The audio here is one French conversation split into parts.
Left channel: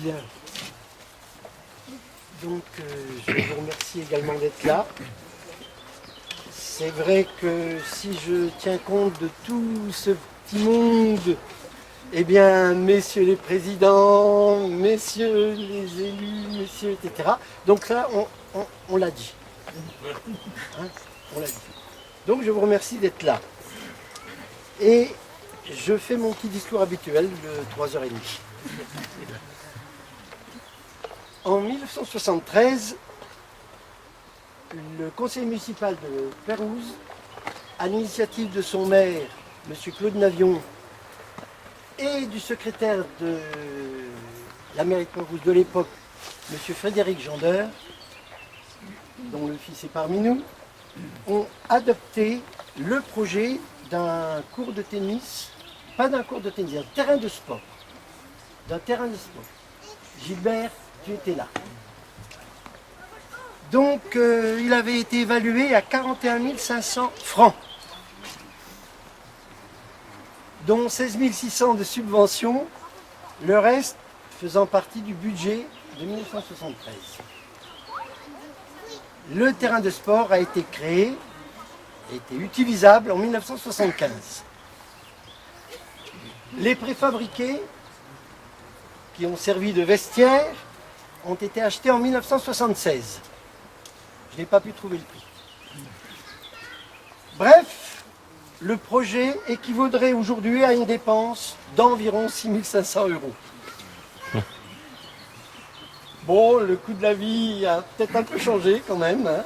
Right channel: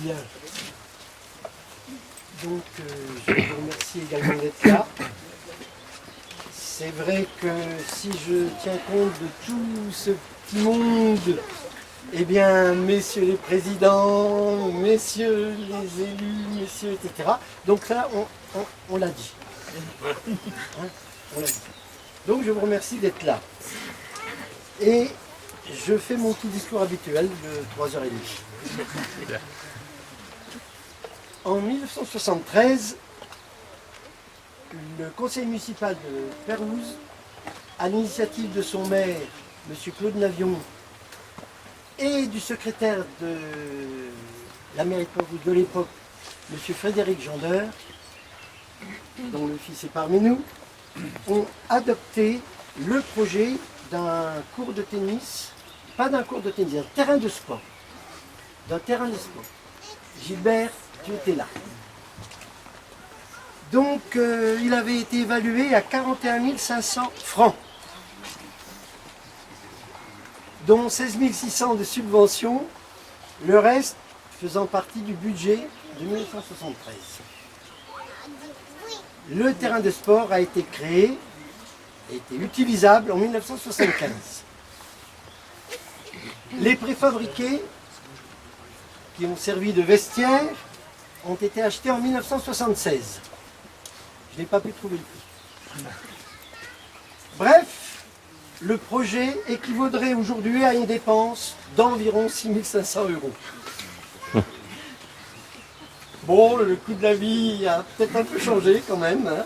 Bien. Donc, je vous remercie également d'être là. C'est vrai que si je tiens compte de tout ce petit monde, eh bien, messieurs les présidents, messieurs les élus, messieurs, etc. Donc là, on l'a dit. Hein, on l'a dit. Donc, je vous remercie d'être là. Et je fais mon petit discours habituel de 3h30. En 1973, le conseil municipal de Pérouse, à l'initiative de son maire, M. Claude Navion, et du secrétaire de la mairie de Pérouse de l'époque, M. Frédéric Gendeur, dont le fils est parmi nous, ont adopté le projet d'un cours de tennis, pas d'un cours de tennis, d'un terrain de sport. D'un terrain de sport. Gilbert, tu étais là. Donc, il avait été évalué à 41 500 francs, dont 16 600 de subventions, le reste faisant partie du budget de 1973. Le terrain de sport a été créé, a été utilisable en 1975. Les préfabriqués, qui ont servi de vestiaire, ont été achetés en 1976. Je n'ai pas pu trouver le prix. Bref, le projet équivaudrait aujourd'hui à une dépense d'environ 6 500 euros. Bon, le coût de la vie a peut-être un peu changé quand même. Hein.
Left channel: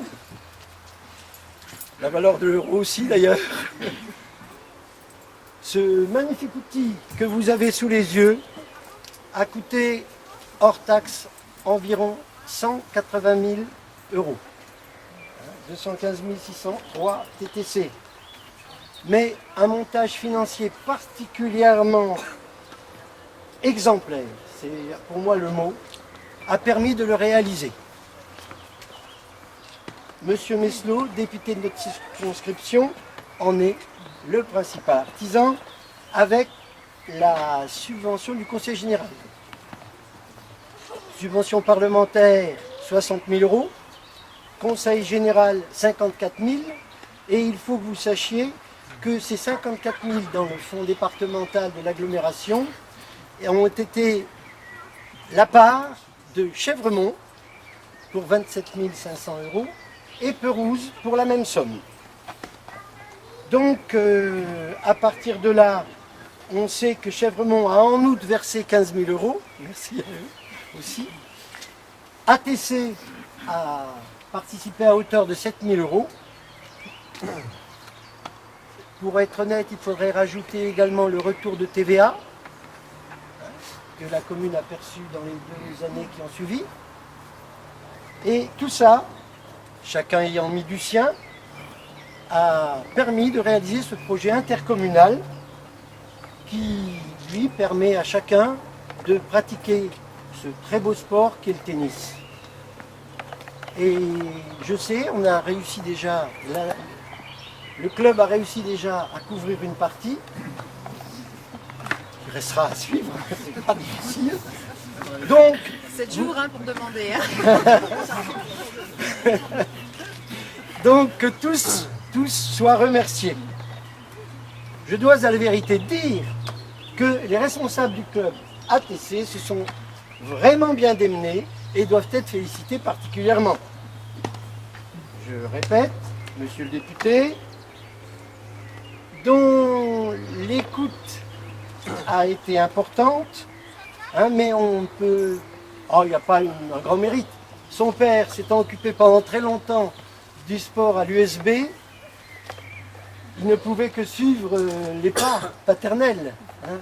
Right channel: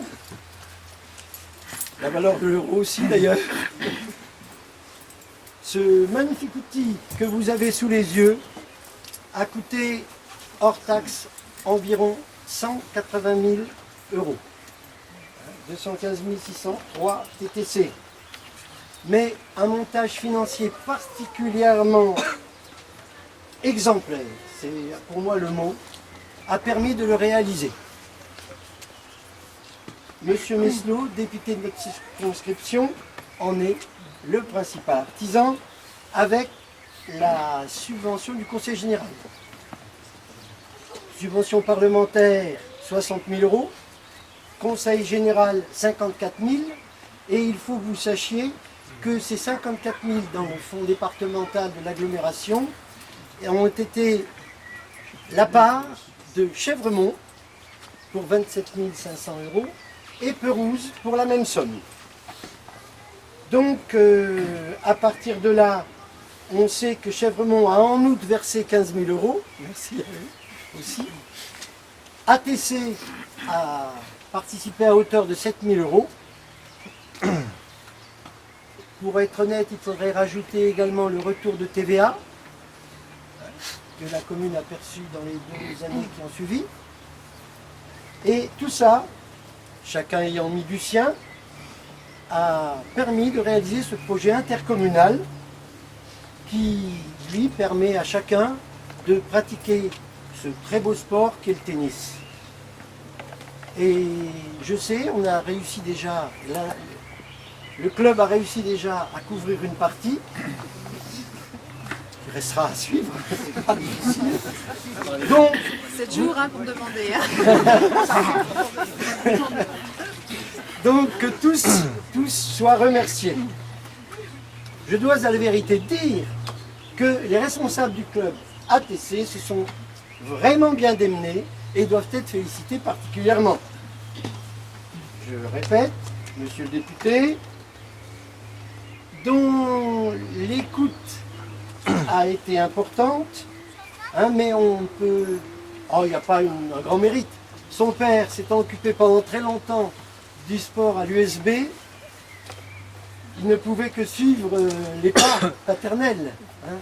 La valeur de l'euro aussi d'ailleurs. Ce magnifique outil que vous avez sous les yeux a coûté hors taxe environ 180 000 euros. 215 603 TTC. Mais un montage financier particulièrement exemplaire, c'est pour moi le mot, a permis de le réaliser. Monsieur Meslot, député de notre circonscription, en est le principal artisan avec la subvention du Conseil général. Subvention parlementaire, 60 000 euros. Conseil général, 54 000. Et il faut que vous sachiez que ces 54 000 dans le fonds départemental de l'agglomération ont été la part de Chèvremont pour 27 500 euros et Pérouse pour la même somme. Donc, à partir de là, on sait que Chèvremont a en août versé 15 000 euros. Merci à eux aussi. ATC a participé à hauteur de 7 000 euros. Pour être honnête, il faudrait rajouter également le retour de TVA que la commune a perçu dans les 2 années qui ont suivi. Et tout ça, chacun ayant mis du sien, a permis de réaliser ce projet intercommunal qui, lui, permet à chacun de pratiquer ce très beau sport qu'est le tennis. Et je sais, on a réussi déjà, le club a réussi déjà à couvrir une partie, qui restera à suivre, c'est pas difficile. Donc, 7 jours pour demander. Donc que tous soient remerciés. Je dois à la vérité dire que les responsables du club ATC se sont vraiment bien démenés et doivent être félicités particulièrement. Je répète, monsieur le député, dont l'écoute a été importante, hein, mais on peut... Oh, il n'y a pas un grand mérite. Son père s'étant occupé pendant très longtemps du sport à l'USB, il ne pouvait que suivre les pas paternels. Hein.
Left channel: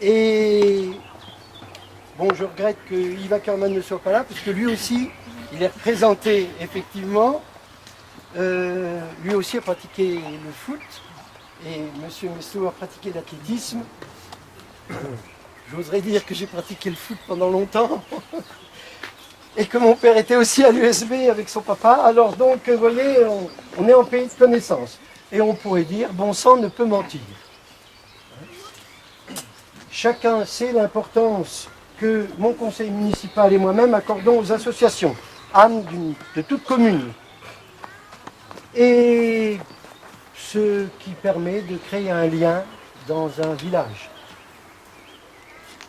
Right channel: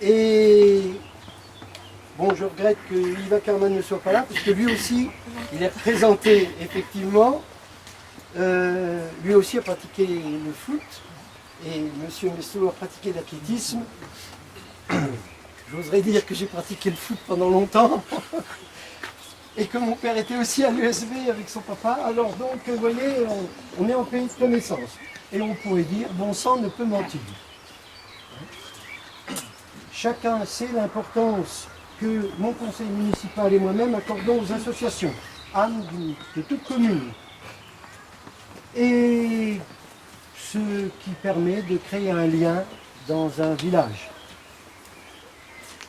Et bon, je regrette que Yves Ackerman ne soit pas là, parce que lui aussi, il est représenté effectivement. Lui aussi a pratiqué le foot, et M. Meslot a pratiqué l'athlétisme. J'oserais dire que j'ai pratiqué le foot pendant longtemps. Et que mon père était aussi à l'USB avec son papa. Alors donc, vous voyez, on est en pays de connaissance. Et on pourrait dire, bon sang ne peut mentir. Chacun sait l'importance que mon conseil municipal et moi-même accordons aux associations, âmes de toute commune. Et ce qui permet de créer un lien dans un village.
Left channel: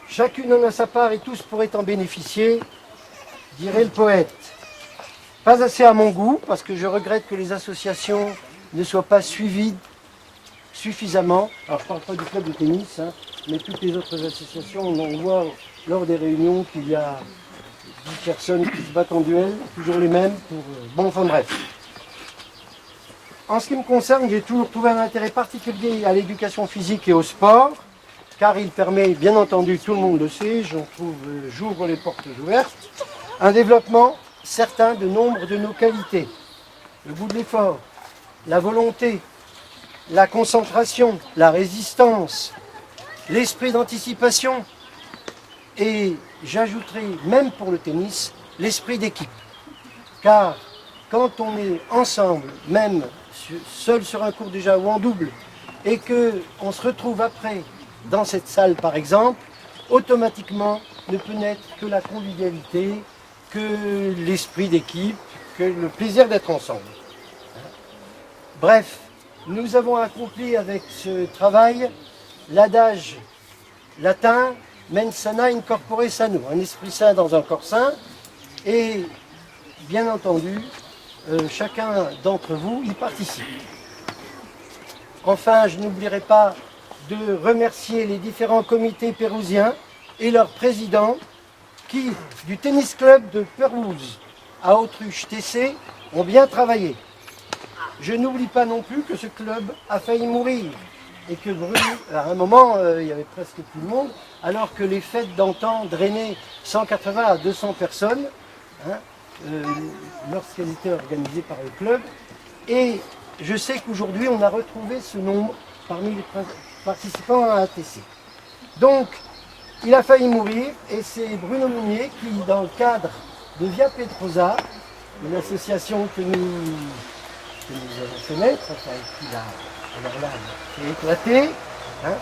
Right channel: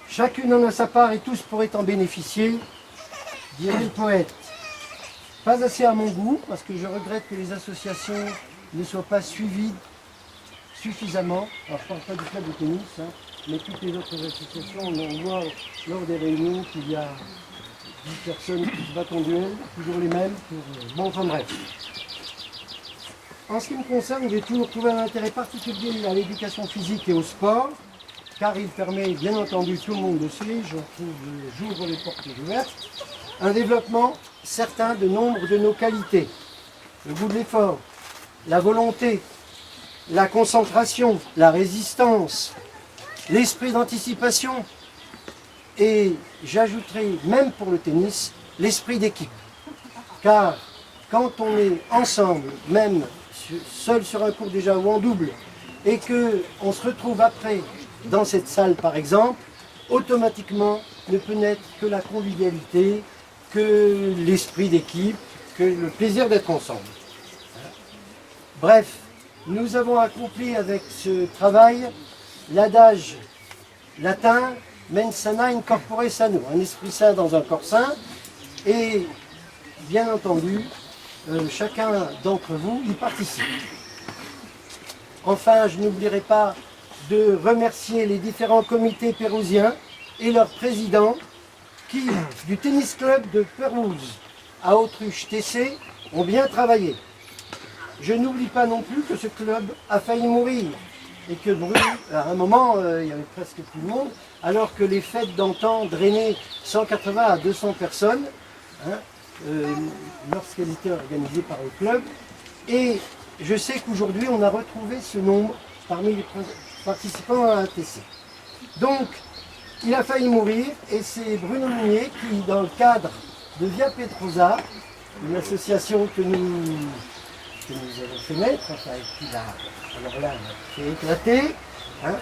Chacune en a sa part et tous pourraient en bénéficier, dirait le poète. Pas assez à mon goût, parce que je regrette que les associations ne soient pas suivies suffisamment. Alors je ne parle pas du club de tennis, hein, mais toutes les autres associations, on voit lors des réunions qu'il y a 10 personnes qui se battent en duel, toujours les mêmes, pour... Bon, enfin bref. En ce qui me concerne, j'ai toujours trouvé un intérêt particulier à l'éducation physique et au sport, car il permet, bien entendu, tout le monde le sait, j'ouvre les portes ouvertes, un développement certain de nombre de nos qualités. Le goût de l'effort, la volonté, la concentration, la résistance, l'esprit d'anticipation et, j'ajouterai, même pour le tennis, l'esprit d'équipe. Car quand on est ensemble, même seul sur un court déjà ou en double, et qu'on se retrouve après dans cette salle par exemple, automatiquement ne peut naître que la convivialité, que l'esprit d'équipe, que le plaisir d'être ensemble. Bref, nous avons accompli avec ce travail l'adage latin mens sana in corpore sano, un esprit sain dans un corps sain, et bien entendu, chacun d'entre vous y participe. Enfin, je n'oublierai pas de remercier les différents comités pérousiens et leurs présidents qui, du tennis club de Pérouse à Autruche TC, ont bien travaillé. Je n'oublie pas non plus que ce club a failli mourir et que à un moment, il y avait presque plus de monde, alors que les fêtes d'antan drainaient 180 à 200 personnes, hein, lorsqu'elles étaient organisées par le club. Et je sais qu'aujourd'hui, on a retrouvé ce nombre parmi les participants à ATC. Donc, il a failli mourir et c'est Bruno Meunier qui, dans le cadre de Via Pedrosa, une association que nous avons fait naître, enfin, qui l'a, alors là, fait éclater, hein,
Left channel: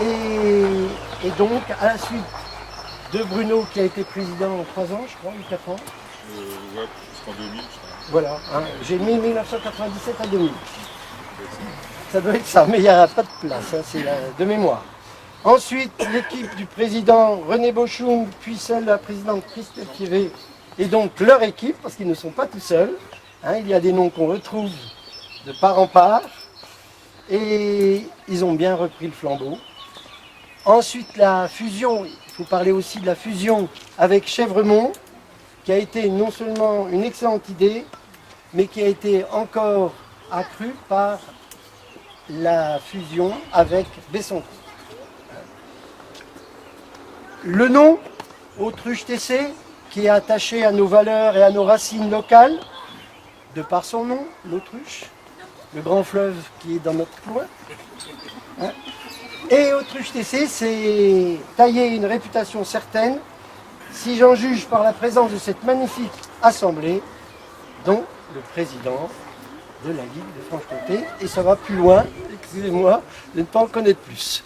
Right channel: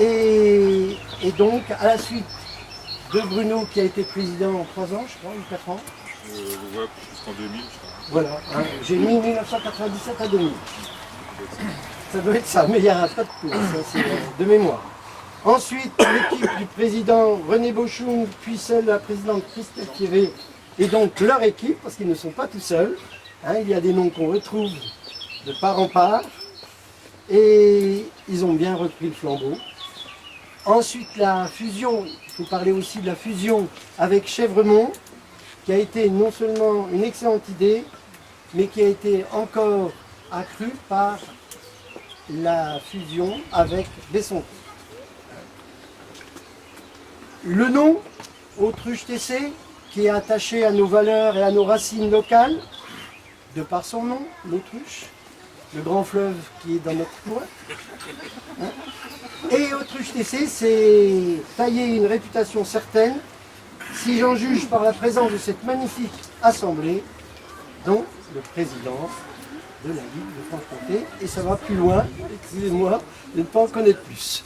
et donc, à la suite de Bruno, qui a été président en 3 ans, je crois, ou 4 ans. Ouais, jusqu'en 2000, je crois. Voilà, hein, j'ai mis 1997 à 2000. Ça doit être ça, mais il n'y a pas de place, hein, c'est de mémoire. Ensuite, l'équipe du président René Bochung, puis celle de la présidente Christelle Thievé, et donc leur équipe, parce qu'ils ne sont pas tout seuls. Hein, il y a des noms qu'on retrouve de part en part, et ils ont bien repris le flambeau. Ensuite, la fusion, il faut parler aussi de la fusion avec Chèvremont, qui a été non seulement une excellente idée, mais qui a été encore accrue par la fusion avec Besson. Le nom, Autruche TC, qui est attaché à nos valeurs et à nos racines locales, de par son nom, l'Autruche, le grand fleuve qui est dans notre coin. Hein. Et Autruche TC, c'est tailler une réputation certaine, si j'en juge par la présence de cette magnifique assemblée, dont le président de la Ligue de Franche-Comté, et ça va plus loin, excusez-moi de ne pas en connaître plus.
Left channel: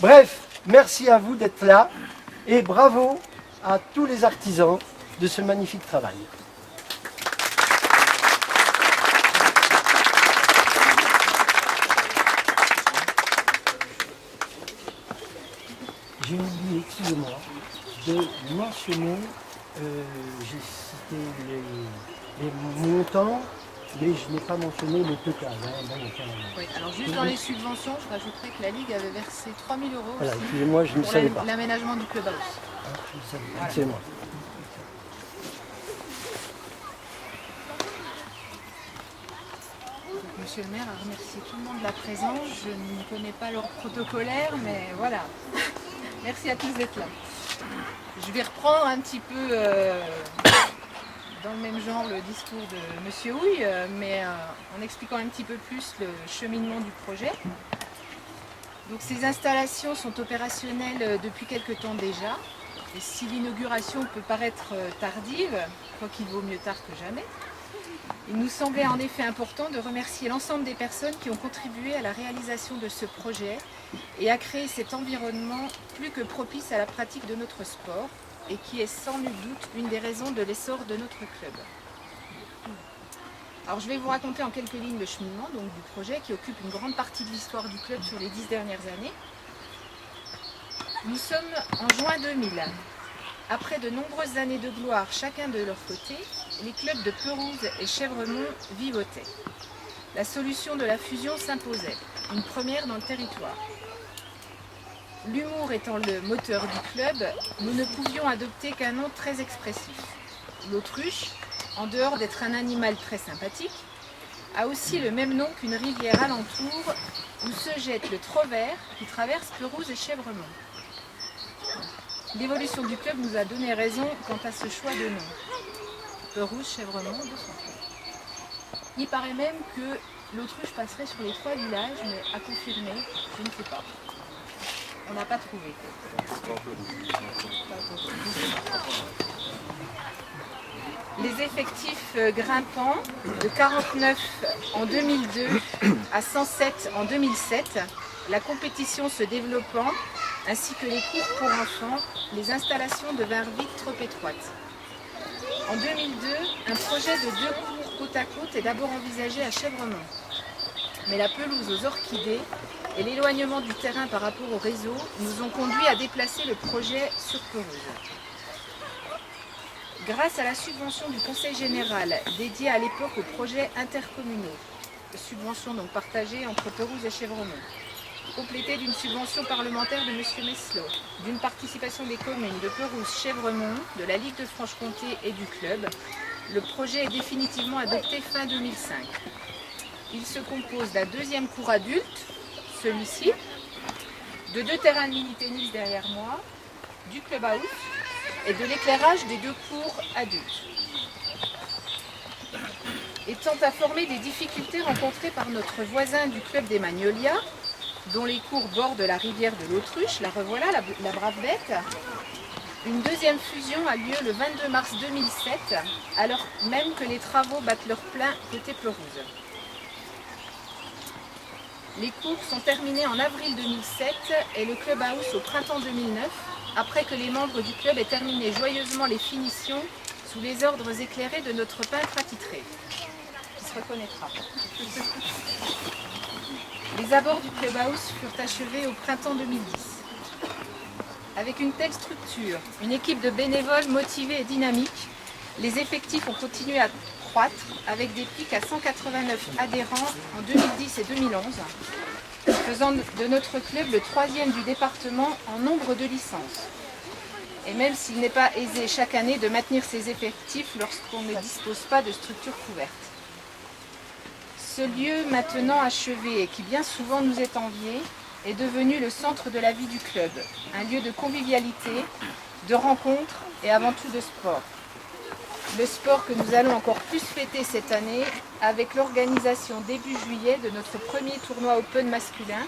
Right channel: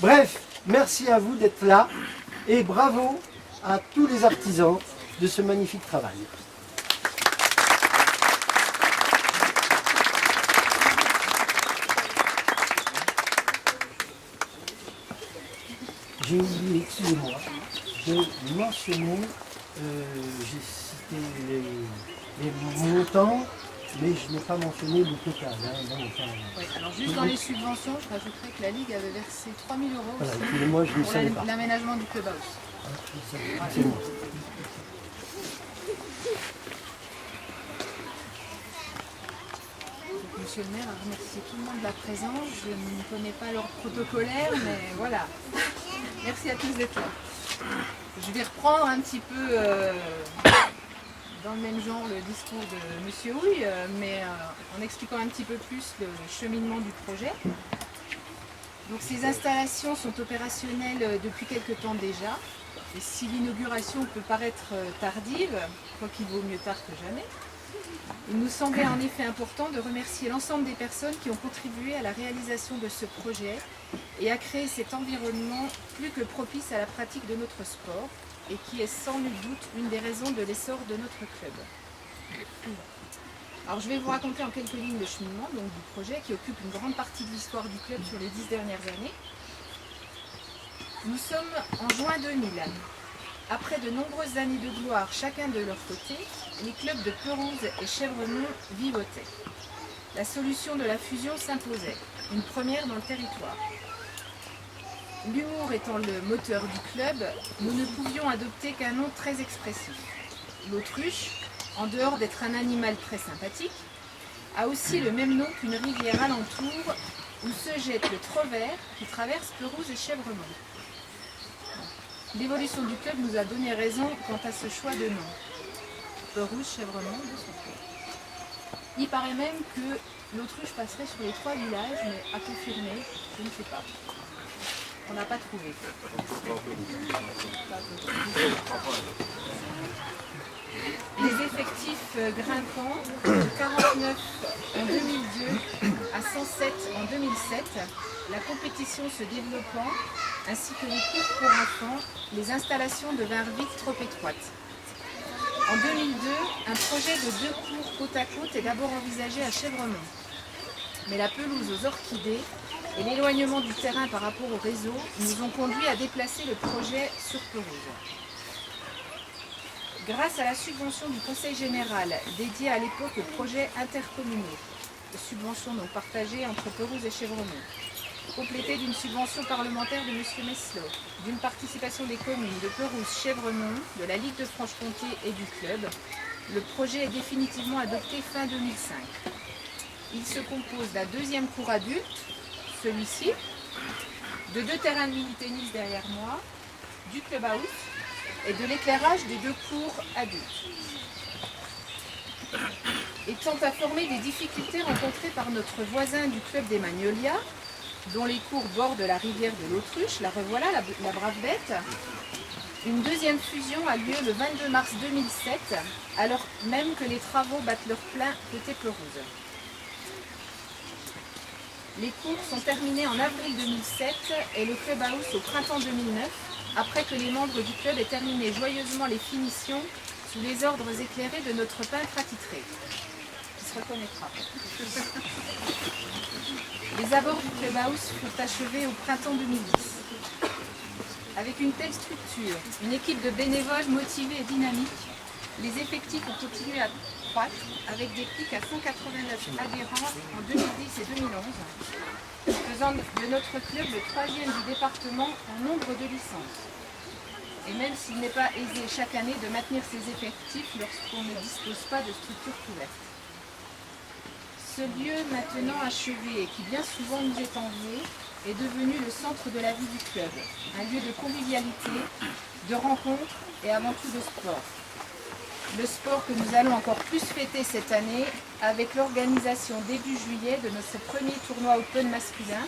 Bref, merci à vous d'être là, et bravo à tous les artisans de ce magnifique travail. J'ai oublié, excusez-moi, de mentionner, j'ai cité les montants, mais je n'ai pas mentionné le total. Hein, oui, alors juste dans les subventions, je rajouterais que la Ligue avait versé 3 000 € voilà, excusez-moi, je ne savais pas. pour l'aménagement du clubhouse. Hein, je ne savais pas, c'est moi. Monsieur le maire a remercié tout le monde de la présence. Je ne connais pas leur protocolaire, mais voilà. Merci à tous d'être là. Je vais reprendre un petit peu dans le même genre le discours de Monsieur Houille, mais en expliquant un petit peu plus le cheminement du projet. Donc ces installations sont opérationnelles depuis quelque temps déjà. Et si l'inauguration peut paraître tardive, quoi qu'il vaut mieux tard que jamais, Il nous semblait en effet important de remercier l'ensemble des personnes qui ont contribué à la réalisation de ce projet et à créer cet environnement plus que propice à la pratique de notre sport et qui est sans nul doute une des raisons de l'essor de notre club. Alors je vais vous raconter en quelques lignes le cheminement donc, du projet qui occupe une grande partie de l'histoire du club sur les 10 dernières années. Nous sommes en juin 2000. Après de nombreuses années de gloire chacun de leur côté, les clubs de Perouse et Chèvremont vivotaient. La solution de la fusion s'imposait, une première dans le territoire. L'humour étant le moteur du club, nous ne pouvions adopter qu'un nom très expressif. L'autruche, en dehors d'être un animal très sympathique, a aussi le même nom qu'une rivière alentour où se jette le Trovert qui traverse Perouse et Chèvremont. L'évolution du club nous a donné raison quant à ce choix de nom. Perouse, Chèvremont, de son club. Il paraît même que l'autruche passerait sur les 3 villages, mais à confirmer, je ne sais pas. On n'a pas trouvé. Les effectifs grimpants de 49 en 2002 à 107 en 2007, la compétition se développant, ainsi que les cours pour enfants, les installations devinrent vite trop étroites. En 2002, un projet de 2 cours côte à côte est d'abord envisagé à Chèvremont. Mais la pelouse aux orchidées et l'éloignement du terrain par rapport au réseau nous ont conduits à déplacer le projet sur Perouse. Grâce à la subvention du Conseil général dédiée à l'époque aux projets intercommunaux, subvention donc partagée entre Perouse et Chèvremont, complétée d'une subvention parlementaire de M. Meslot, d'une participation des communes de Perouse, Chèvremont, de la Ligue de Franche-Comté et du club, le projet est définitivement adopté fin 2005. Il se compose d'un 2e cours adulte, celui-ci, de 2 terrains de mini-tennis derrière moi, du clubhouse et de l'éclairage des 2 cours adultes. Étant informé des difficultés rencontrées par notre voisin du club des Magnolias, dont les cours bordent la rivière de l'Autruche, la revoilà, la brave bête, une 2e fusion a lieu le 22 mars 2007, alors même que les travaux battent leur plein côté Perouse. Les cours sont terminés en avril 2007 et le clubhouse au printemps 2009, après que les membres du club aient terminé joyeusement les finitions sous les ordres éclairés de notre peintre attitré, qui se reconnaîtra. Les abords du clubhouse furent achevés au printemps 2010. Avec une telle structure, une équipe de bénévoles motivés et dynamiques, les effectifs ont continué à croître avec des pics à 189 adhérents en 2010 et 2011, faisant de notre club le 3e du département en nombre de licences. Et même s'il n'est pas aisé chaque année de maintenir ses effectifs lorsqu'on ne dispose pas de structure couverte. Ce lieu maintenant achevé et qui bien souvent nous est envié est devenu le centre de la vie du club, un lieu de convivialité, de rencontres et avant tout de sport. Le sport que nous allons encore plus fêter cette année avec l'organisation début juillet de notre premier tournoi Open masculin,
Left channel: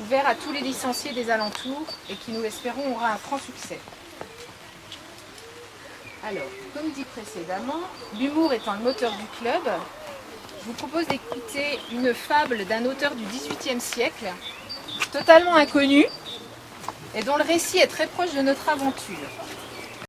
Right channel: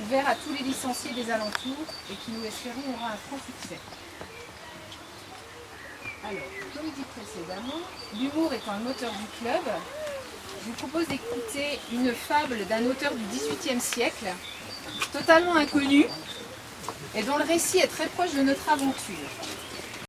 ouvert à tous les licenciés des alentours et qui, nous l'espérons, aura un franc succès. Alors, comme dit précédemment, l'humour étant le moteur du club, je vous propose d'écouter une fable d'un auteur du XVIIIe siècle, totalement inconnu, et dont le récit est très proche de notre aventure.